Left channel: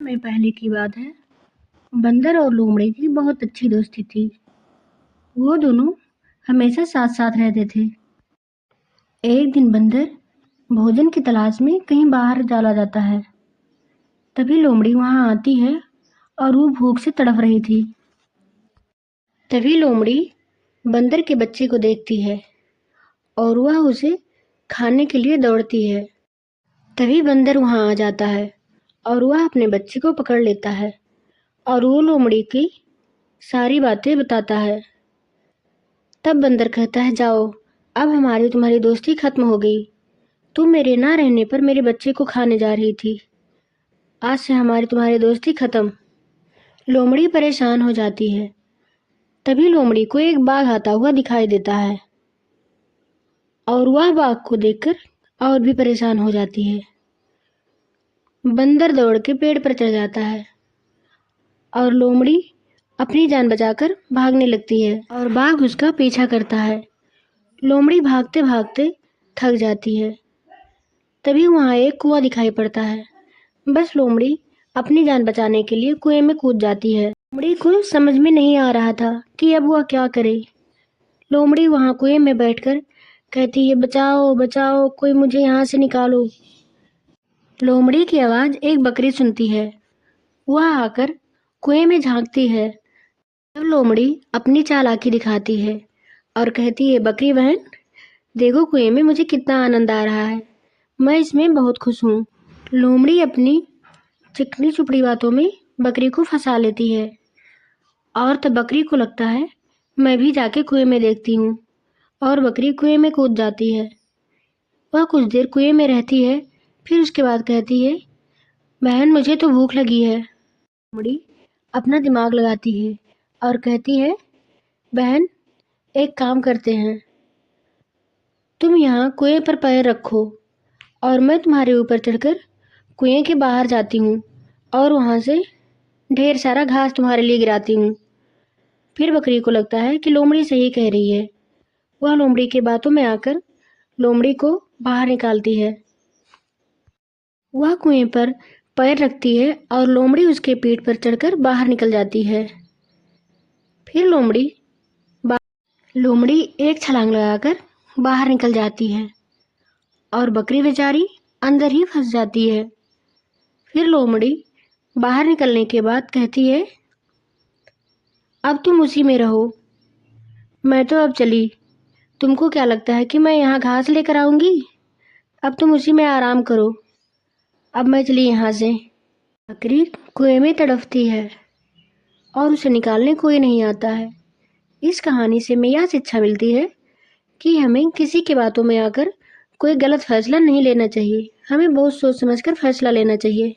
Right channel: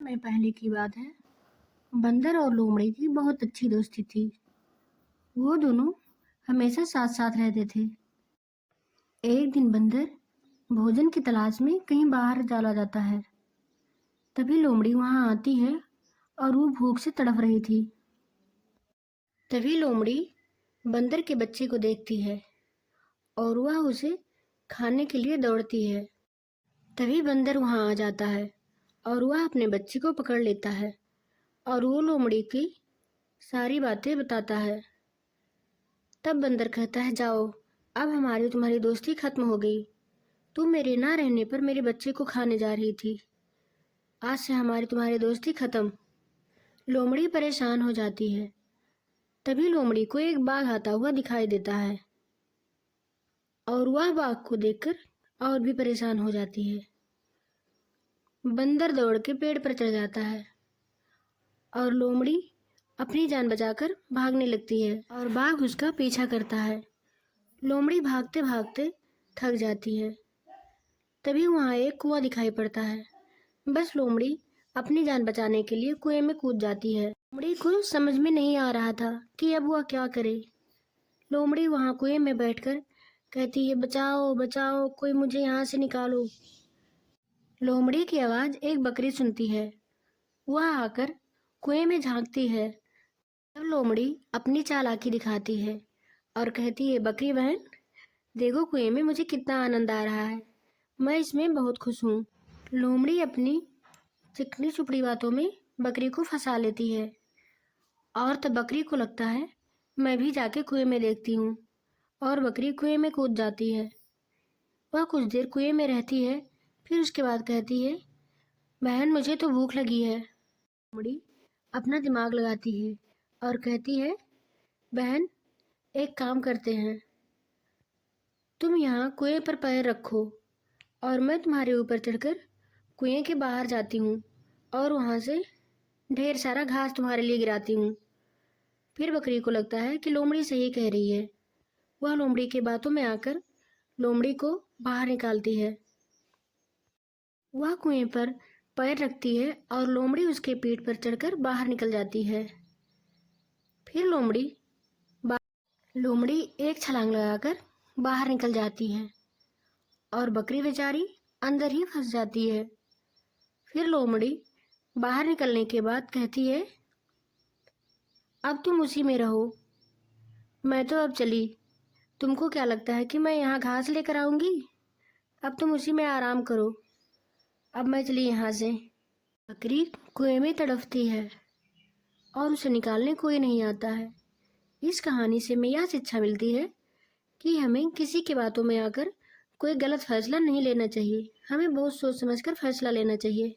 में पहले की बात है। बंदर और लोमड़ी की बहुत अच्छी दोस्ती थी। वो दोनों हमेशा साथ साथ रहते थे। एक दिन बंदर भोजन की तलाश में कहीं बाहर चला जाता है। तभी लोमड़ी वहां आती है और वो भूख से तड़प रही थी। तभी लोमड़ी बंदर के बच्चे को देखती है और वह उसे खाने के लिए दौड़ती है। तभी बंदर वहां आ जाता है और वह अपने बच्चे को पकड़ लेता है और वो लोमड़ी की सारी बातें बताता है। तब बंदर कहता है, जाओ, अब हमारी तुम्हारी दोस्ती खत्म हो गई। तुम मेरे ना रहने पर मेरे बच्चे को खाने जा रही थी। आज से हमारी तुम्हारी दोस्ती खत्म। लोमड़ी परेशान हो जाती है। तभी लोमड़ी को एक बाघ आता हुआ दिखाई देता है और वह बाघ को देखकर और भी परेशान हो जाती है। बंदर दौड़ के पेड़ पर चढ़ जाता है और लोमड़ी अपनी जान बचाकर भागने लगती है और बाघ उसका पीछा करता है। लोमड़ी भागते भागते थक जाती है। तभी वहां एक कुआं दिखाई पड़ता है। बस लोमड़ी अपनी जान बचाने के लिए कुएं में कूद जाती है। लोमड़ी को समझ में नहीं आ रहा था कि अब वह क्या करे। लोमड़ी वहां कुएं में बैठकर कहती है, बचाओ बचाओ, कोई मुझे यहाँ से निकालो। लोमड़ी की आवाज एक बकरी सुनती है। वह आकर कुएं में झांकती है। तब लोमड़ी अपनी चालाकी दिखाती है और कहती है, बकरी बहन, देखो कुएं में मुझे कितना आनंद आ रहा है। मैं इसमें बहुत खुश हूँ। लोमड़ी अपनी चिकनी चुपड़ी बातों में बकरी को फंसा लेती है और तब बकरी को लगता है, मैं भी जाके कुएं में देखती हूँ। और बकरी कुएं में कूद जाती है। वह कुछ देर कुएं में रहती है, फिर उसके बाद कहती है, बहन, मुझे तो भूख लगी है। लोमड़ी अपना दिमाग लगाती है और कहती है, बहन, एक काम करते हैं, तुम यहाँ कुएं पर पैर रखो और मैं तुम्हारे ऊपर चढ़कर कुएं के बाहर जाती हूँ और वहां से ढेर सारा घास तुम्हारे लिए गिराती हूँ। फिर बकरी को लगता है कि लोमड़ी सही कह रही है। वह लोमड़ी की बातों में आकर लोमड़ी को बाहर निकालती है। वह कुएं पर पैर रखती है और लोमड़ी उसके पीठ पर चढ़कर बाहर निकल जाती है। फिर लोमड़ी एक छलांग लगाकर बाहर निकल जाती है और बकरी बेचारी अंदर ही फंस जाती है। फिर लोमड़ी बाहर निकलने के बाद कहती है, अब तुम उसी में रहो, मैं तो अब चली। तुमको क्या लगता है कि मैं यहाँ घास लेकर आऊंगी? अब तुम उसी में आराम करो। अब मैं चली यहाँ से। बकरी कुएं में तड़पती है और उसे निकालने कोई नहीं आता है। इस कहानी से हमें यह शिक्षा मिलती है कि हमें किसी की बातों में आकर कोई गलत फैसला नहीं लेना चाहिए। हमें बहुत सोच समझकर फैसला लेना चाहिए।